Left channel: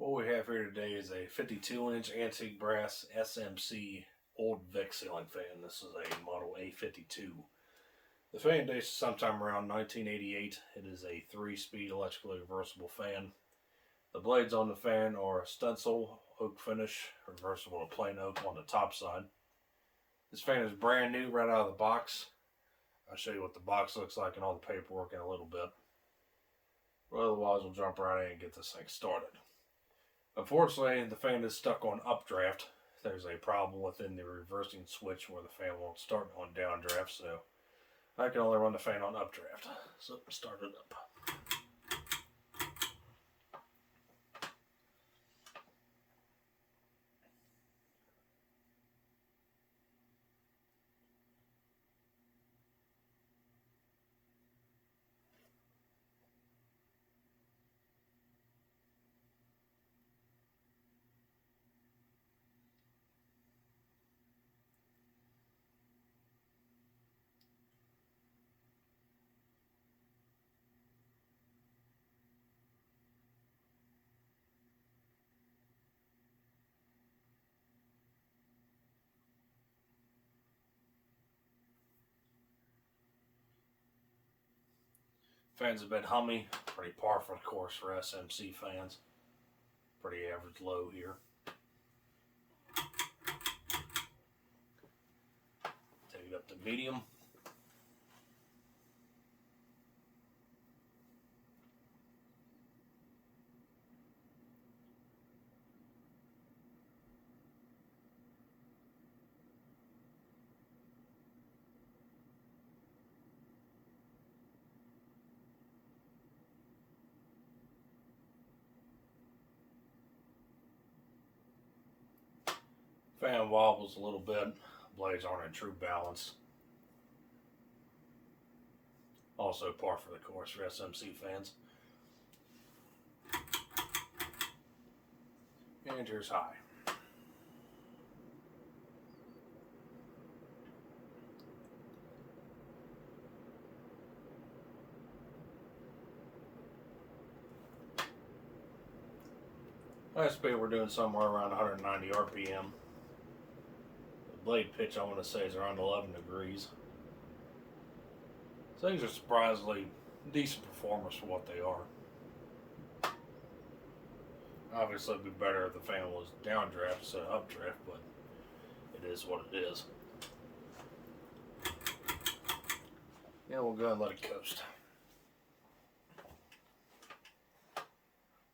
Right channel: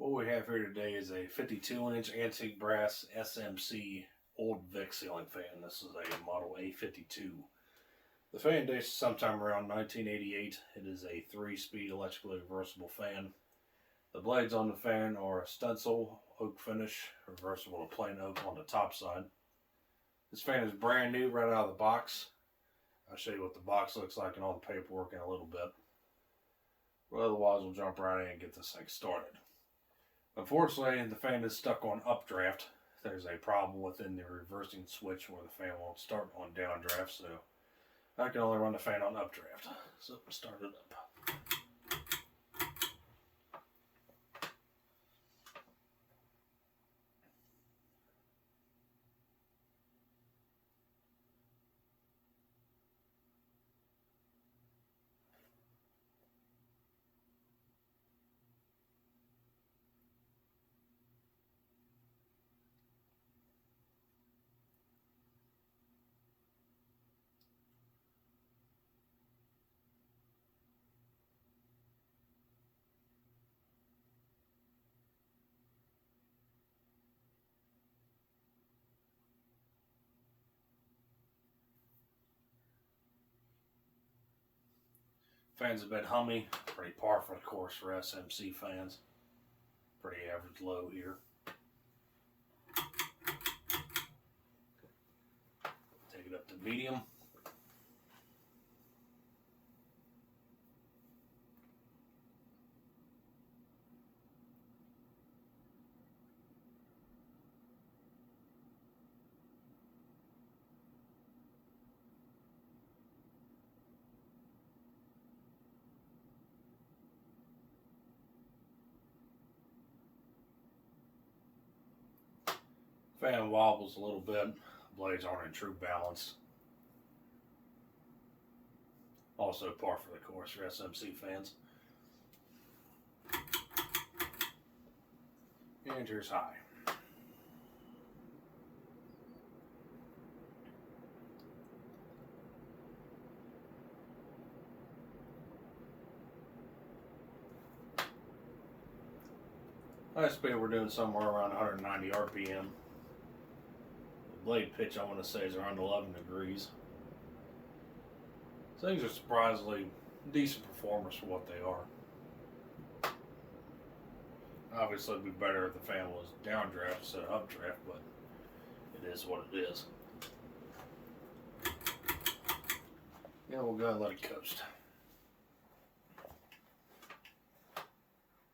What we have here today is a 52-inch antique brass SMC Old Vic ceiling fan. This is a model A52. The fan dates sometime around 1988. It is a 3-speed electrically reversible fan. The blades on the fan are stencil oak finish, reversible to plain oak on the top side. This fan is brand new right out of the box. I'll show you what the box looks like and all the paperwork in a little bit. But otherwise, we'll jump right in and get this thing started. Unfortunately, the fan is stuck on updraft. There's a problem within the reversing switch where the fan won't start on downdraft, so I can only run the fan on updraft. So start it up. Fans have been humming, pretty par for the course for S.M.C fans. Pretty average low here. Take it up to medium. Fan wobbles a little bit. Blades aren't in true balance. Also par for the course for S.M.C fans. And here's high. High speed we're doing somewhere around 190 RPM. Blade pitch I want to say is around 11 degrees. So these are surprisingly decent performers for what they are. Obviously it'd be better if the fan was downdraft instead of updraft, but it is what it is. Yeah, we'll go ahead and let it coast.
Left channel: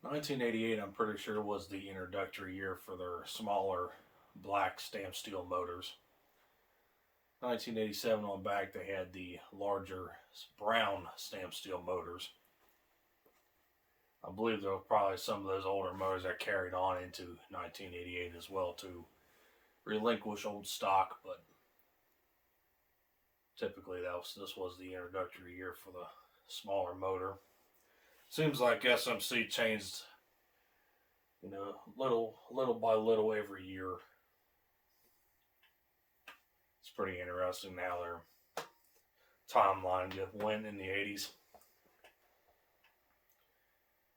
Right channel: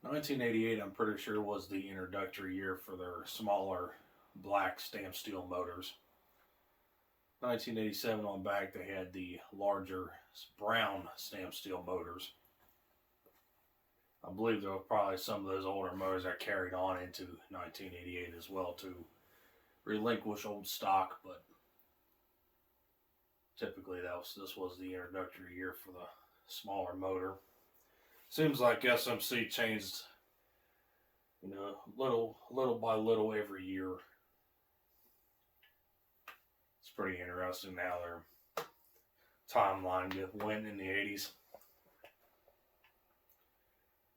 1988, I'm pretty sure, was the introductory year for their smaller black stamped steel motors. 1987 on back, they had the larger brown stamped steel motors. I believe there were probably some of those older motors that carried on into 1988 as well to relinquish old stock, but typically this was the introductory year for the smaller motor. Seems like S.M.C changed, little by little every year. It's pretty interesting how their timeline went in the 80s.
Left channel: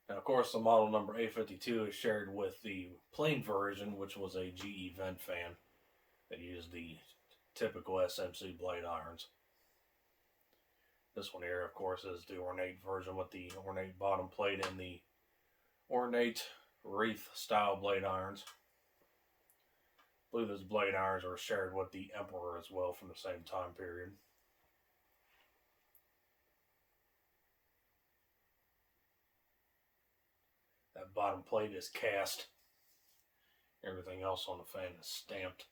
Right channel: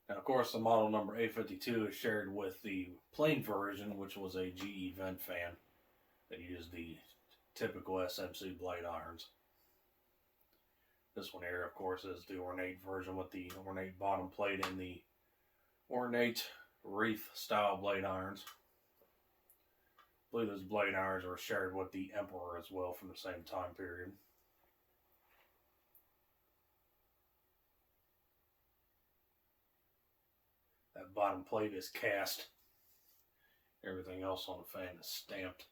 Now, of course, the model number A52 is shared with the plain version, which was a GE vent fan that used the typical S.M.C blade irons. This one here, of course, is the ornate version with the ornate bottom plate and the ornate wreath style blade irons. I believe those blade irons are shared with the Emperor as well from the same time period. That bottom plate is cast. Everything else on the fan is stamped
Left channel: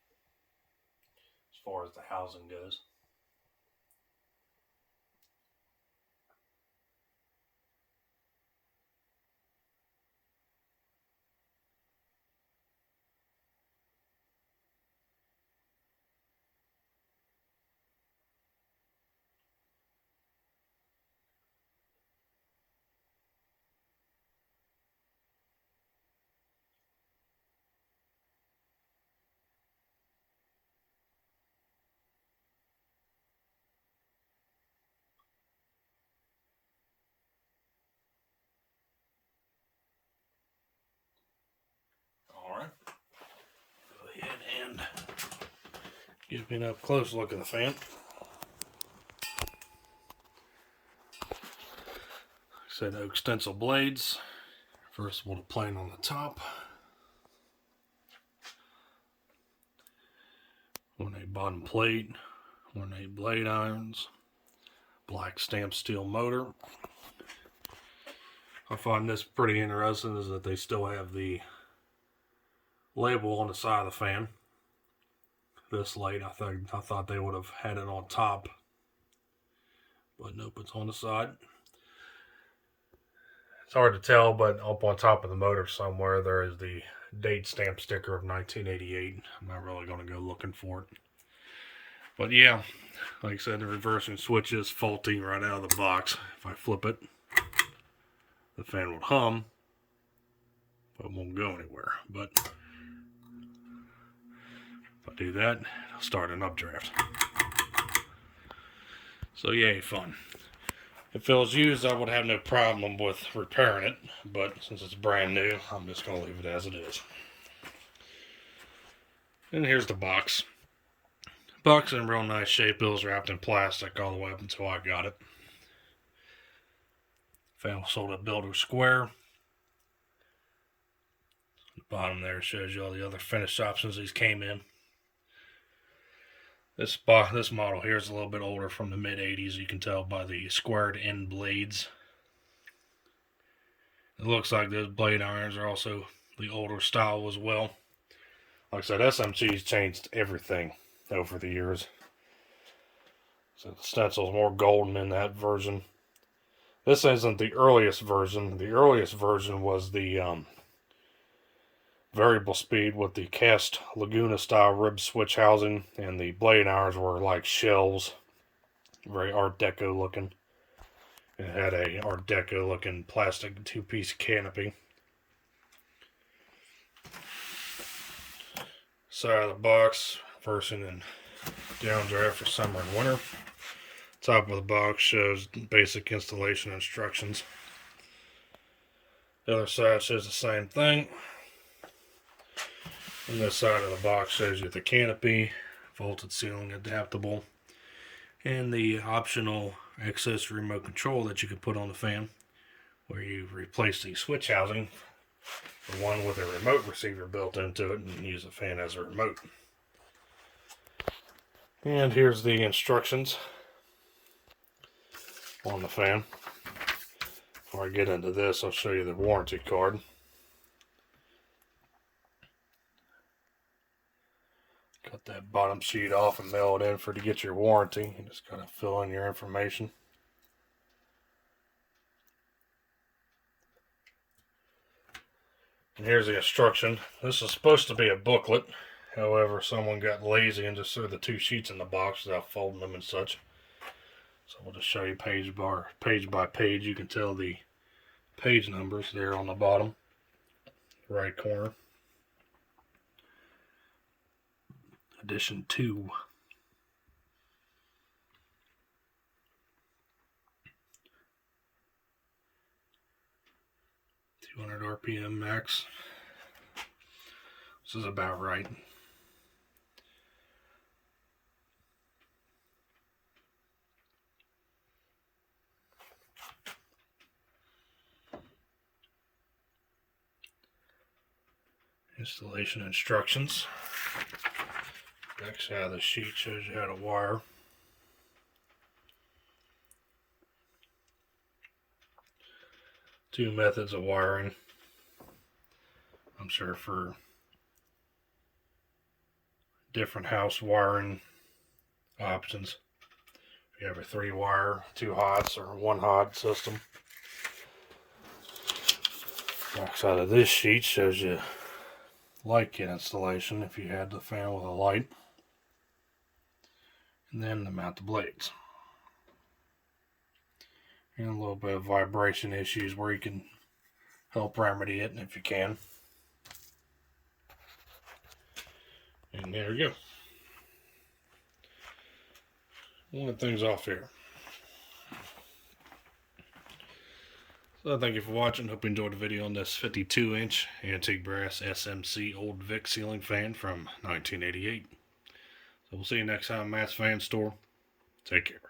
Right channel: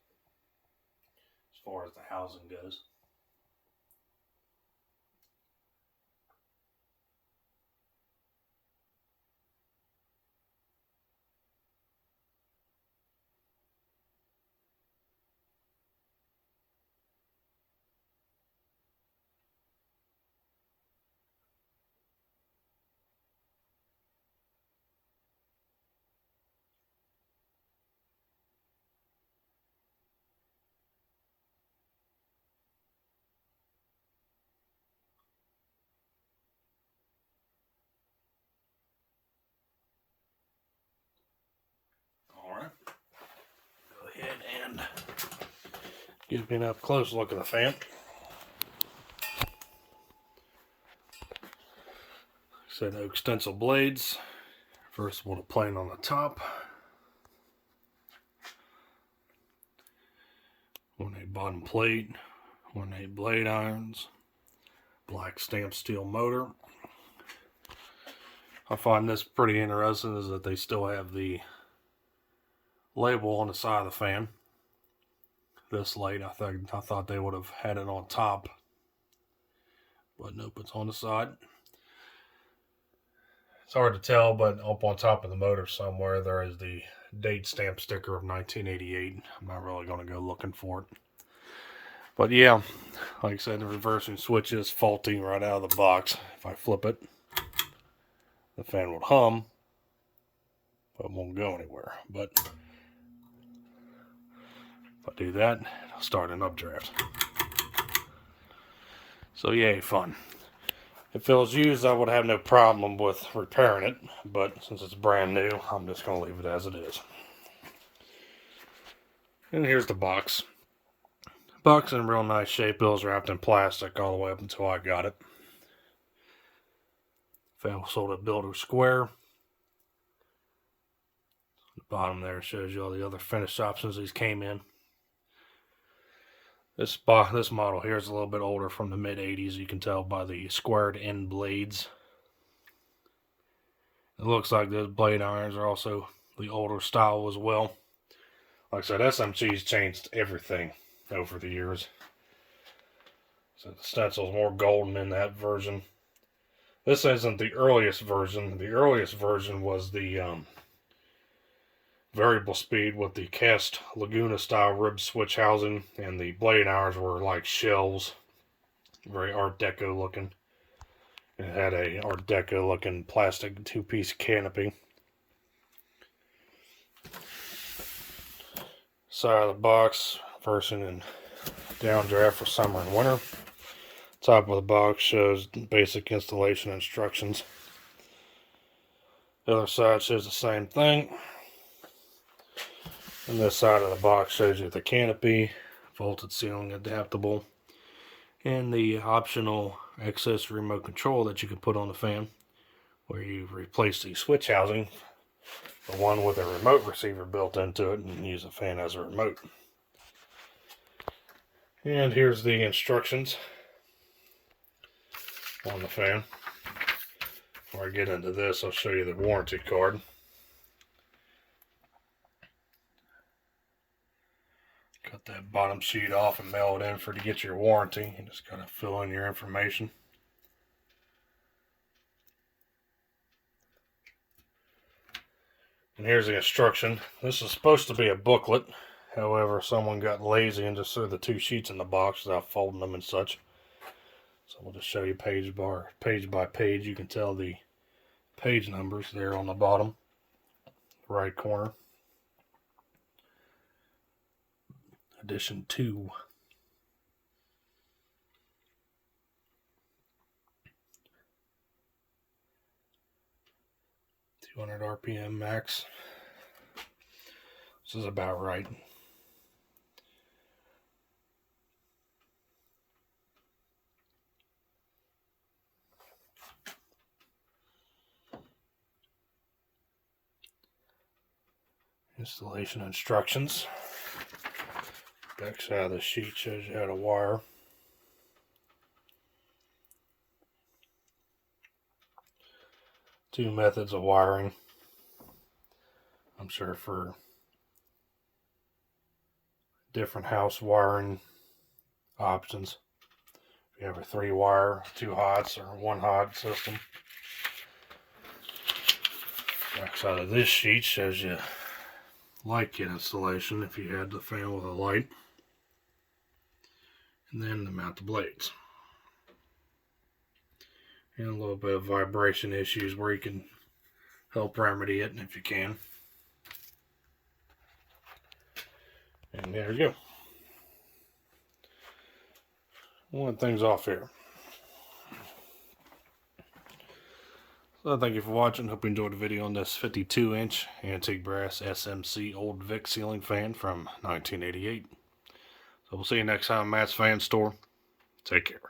as far as the housing goes. Gives me an up close look at the fan. Said oak stencil blades. First one, a plane on the top. 1/8 bottom plate. 1/8 blade irons. Black stamped steel motor. I find this pretty interesting is that they still have the label on the side of the fan. This late, I thought they would have had it on top, but nope, it's on the side. It's hard to tell, but up on top of the motor somewhere there is the date stamp sticker of 1988. I'm not really going to go looking for it. But yeah, like I said, the reversing switch is faulty right out of the box. If I flip it, the fan would hum, but it won't go anywhere. But if I do that, it'll start an updraft. So yay, fun. If it was used, I would have no problem with repairing it, but since it's brand new, I'm just going to leave it as it is. And here's the box. Box in real nice shape. It was wrapped in plastic all the way up until I got it. Fan was sold at Builder Square. The bottom there shows you all the other finish options these came in. This model here is a little bit older, from the mid-80s. You can tell by the squared end blades. It looks like those blade irons are also the older style as well. Like I said, SMC's changed everything over the years. So the stencil's more golden in that version. This isn't the earliest version. The earliest version was the variable speed with the cast Laguna style rib switch housing, and the blade irons were like shells, very Art Deco looking. It had a Art Deco looking plastic two-piece canopy. Side of the box, reversing and downdraft for summer and winter. Top of the box shows basic installation instructions. The other side shows the same thing. And this side of the box shows you the canopy, vaulted ceiling adaptable, and the optional access remote control that you can put on the fan, where you replace the switch housing for one with a remote receiver built into it and use the fan as a remote. And here's the instructions on the fan. Before I get into this, I'll show you the warranty card. Cut that bottom sheet off and mail it in to get your warranty. You just gotta fill in your information. And here's the instruction. This is supposed to be a booklet. However, someone got lazy and just threw the two sheets in the box without folding them and such. So we'll just show you page by page. You can tell the page numbers there on the bottom right corner. Edition 2. (200 RPM max). This is about right. Installation instructions. Back side of the sheet shows you how to wire. Two methods of wiring. I'm sure for different house wiring options. If you have a 3-wire, 2 hots, or 1 hot system. Back side of this sheet shows you light kit installation if you had the fan with a light. And then to mount the blades. And a little bit of vibration issues where you can help remedy it, and if you can. And there you go. One things off here. So thank you for watching. Hope you enjoyed the video on this 52-inch antique brass SMC Old Vic ceiling fan from 1988. So we'll see you next time, Matt's Fan Store. Take care.